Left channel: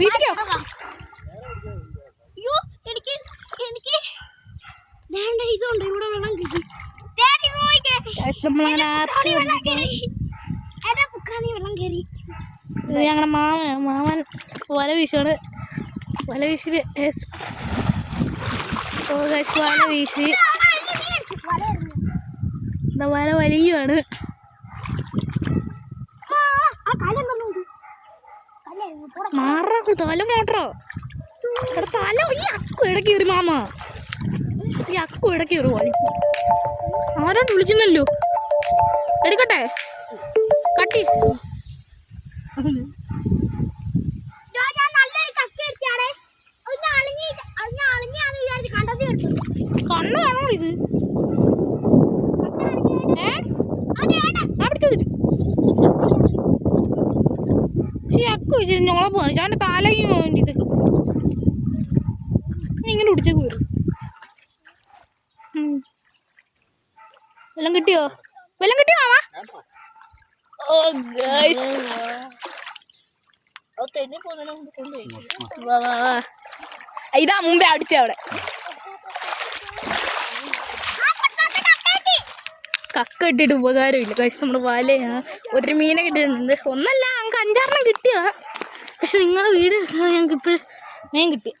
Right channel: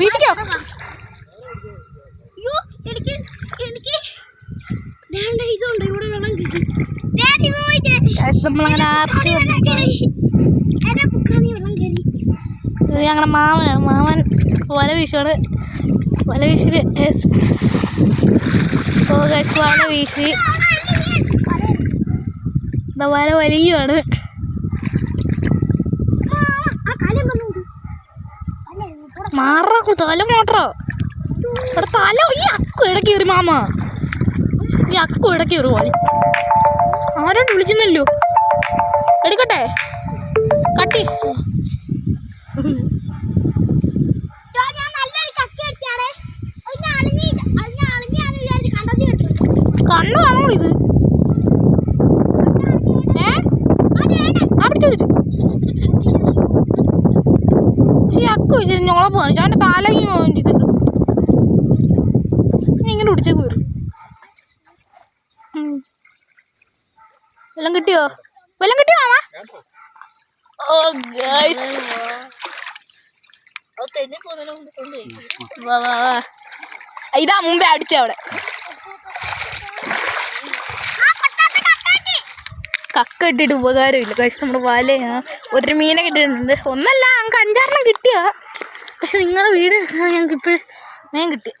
വീശിക്കോ. ഇതുണ്ട് ഇവിടെ വെള്ളം കിട്ടി. നമ്മളങ്ങനെ ഇത് ഞങ്ങളുടെ മാമനാണ്. മാമൻ വല വീശാണ്. വല വീശില് വല വീശി വല വലിയാണ്. മാറാക്കു തല മോട്ടറോ ഇവിടെ തല. ഈ അക്കു ഇടയ്ക്ക് കയറി മാമ. ഈ അക്കു ഇടയ്ക്ക് കയറി പോളി. ആരോട് വിളിക്കുന്നല്ലോ. എടുക്കട്ടെ കട്ടി. കണ്ണാണോ ഇത്? പിടിച്ചു പിടിച്ചു. പക്ഷെ അക്കു വെച്ചിട്ട് ഞോളെ പോകാൻ അവൻ്റെ തലയും ഇതൊക്കെ ഇങ്ങനെ പിടിച്ചേക്ക് വരും. വെള്ളം കിട്ടിയോ? വെള്ളം കിട്ടിയോ മാമ? ഓ ഗൈസ്, വാ വാ വാ. ഇതാ മുമ്പേ അടിച്ച അവിടെ. കക്ക ഇട്ടിട്ട് ഉപകാരമില്ല ഗൈസ്. നമ്മുടെ വലയാണ്. ഒരു മീനെ കിട്ടിയിട്ടുണ്ട്. ഒന്നല്ല, ഞങ്ങൾക്ക് 5-6 കിട്ടിയ. പക്ഷെ നിങ്ങളുടെ വീട് ഞങ്ങൾക്ക് ഇപ്പോഴും മീൻ കിട്ടി.